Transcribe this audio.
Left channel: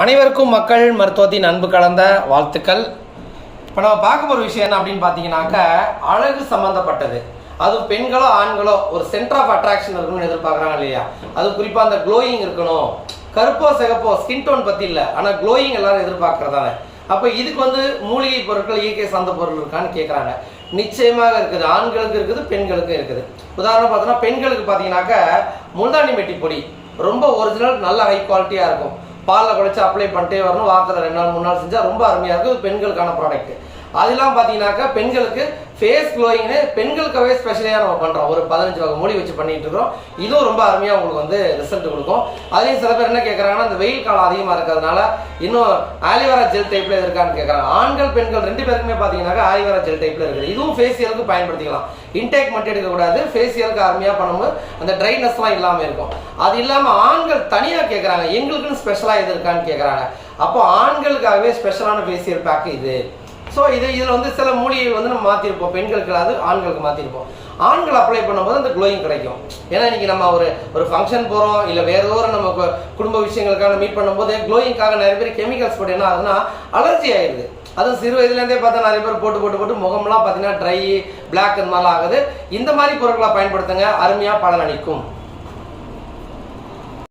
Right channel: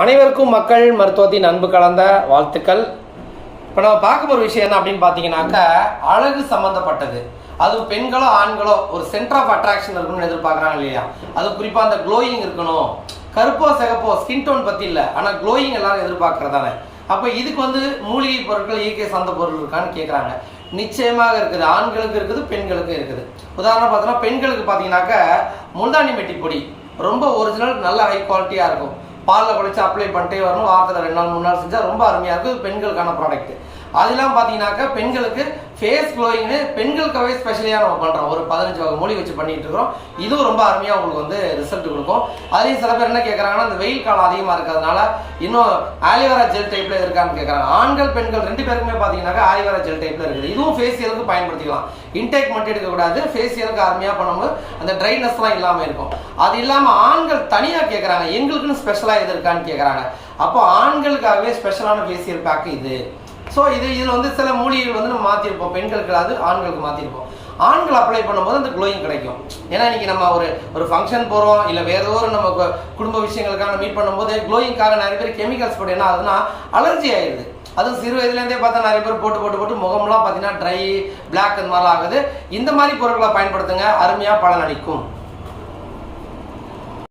அனைவருக்கும் மக்கள் மருத்துவத்தின் அன்பு கலந்த வாழ்த்துக்கள். இப்போ நம்ம பார்க்க போகிற விஷயம் என்ன அப்படின்னு பார்த்தீங்கன்னாக்க, அழகு சம்மந்தப்பட்டது. அதுவும் பெண்களோ ஆண்களோ ஒரு சென்டர் ஆஃப் அட்ராக்ஷன் இருக்கணும்னு எதிர்பார்க்குறாங்க இல்லையா? அது குறிப்பாக அந்த க்ளோயிங் இருக்கணும். கருப்போ சிகப்போ ஸ்கின் டோன் பற்றி இல்லை, ஆனால் க்ளோயிங் எல்லாரும் எதிர்பார்க்குறதானே. அப்போ இதுக்கு மூலிகை பொருட்கள், இயற்கை சார்ந்த பொருள் இருக்கான்னு கேட்குறாங்க. நிச்சயமாக இருக்குது. ஆண்களுக்கு இருக்குது, பெண்களுக்கும் இருக்குது. உதாரணம் பார்த்தோன்னா, பெண்களுக்கு பார்த்தீங்கன்னாக்க முல்தானி மெட்டி பொடி ரொம்ப ஒரிஜினல், நல்ல ஹை குவாலிட்டியாக இருக்கும். பாலில் குழைச்சி அப்ளை பண்ணிட்டே வரணும். வாரத்தில் 2 நாள் 3 நாள் செஞ்சால் ரொம்ப அருமையாக இருக்கும். பெண்களுக்கான ப்ராடக்ட். அதெல்லாம் பார்த்தீங்கன்னாக்கா பெண்களுக்கு ஃபேஸ் க்ளோயிங்னு பெண்களுக்காகவே ஸ்பெஷலியாக நம்ம பண்ணுறோம். ஒரு 15 வகை மூலி வச்சு பண்ணிகிட்டு இருக்கிறோம். இதுவும் ரொம்ப அருமையாக உங்களுக்கு ரிசல்ட் கொடுக்கும். அதுலேயும் சில பேர் என்ன கேட்குறாங்கன்னா, இந்த வெயில் காலம் அதிகமாக இருக்கிறதுனால இன்னும் ஆலிவேரா ஜெல் டைப்பில் இருக்கான்னு கேட்குறாங்க. ஆண்கள் பெண்கள் 2 பேருக்குமே பார்த்தீங்கன்னாக்கா ஆலிவேரா ஜெல் டைப்பில் இருக்குது. இதுவும் ஃபேஷியலுக்கு பயன்படுத்திக்கலாம். இன்டேக் மட்டும் எடுக்கக்கூடாது. ஃபேஷியலுக்கு அருமையாக பண்ணும்போது அந்த ட்ரைனஸ்லாம் இல்லாமல் இருக்கும். அது இல்லாமல் ஆண்கள் தனியாக கேட்குறாங்க, எங்களுக்குன்னு ஸ்பெஷலாக எது இருக்கான்னு கேட்குறாங்க. அப்போ ஆண்களுக்காகவே ஸ்பெஷலான ஃபேஷியல் பேக்கு இது. ஸோ இதில் சில மூலிகைகள் நம்ம மாற்றிருப்போம். பெண்களுக்கு அது ஆண்களுக்கு மாற்றிருப்போம். ஆண்கள் அப்ளை பண்ணும்போது அந்த க்ளோயிங் கிடைக்கும். ஏன்னா இன்றைக்கி நம்ம ஒரு ஃபங்க்ஷன் போகிறோம், இல்லை வேறு ஏதோ ஒரு நம்ம குடும்ப விஷயங்களுக்காக மீட் பண்ணும்போது க்ளோயிங்காக நிறைய பேர் கெமிக்கல்ஸ் போட்டு என்ன ஆகுதுன்னா அலர்ஜி ஆகிடுது. அதுவும் சிறு வயதுலேருந்தே பார்த்தா நிறைய பேர் போட்டு முகம்லாம் பார்த்தீங்கன்னா ட்ரை, பிளாக் இந்த மாதிரிலாம் ஆகுது. இந்த மாதிரி பொருட்களை பயன்படுத்துங்க, அருமையாக பலன் அளிக்கும்.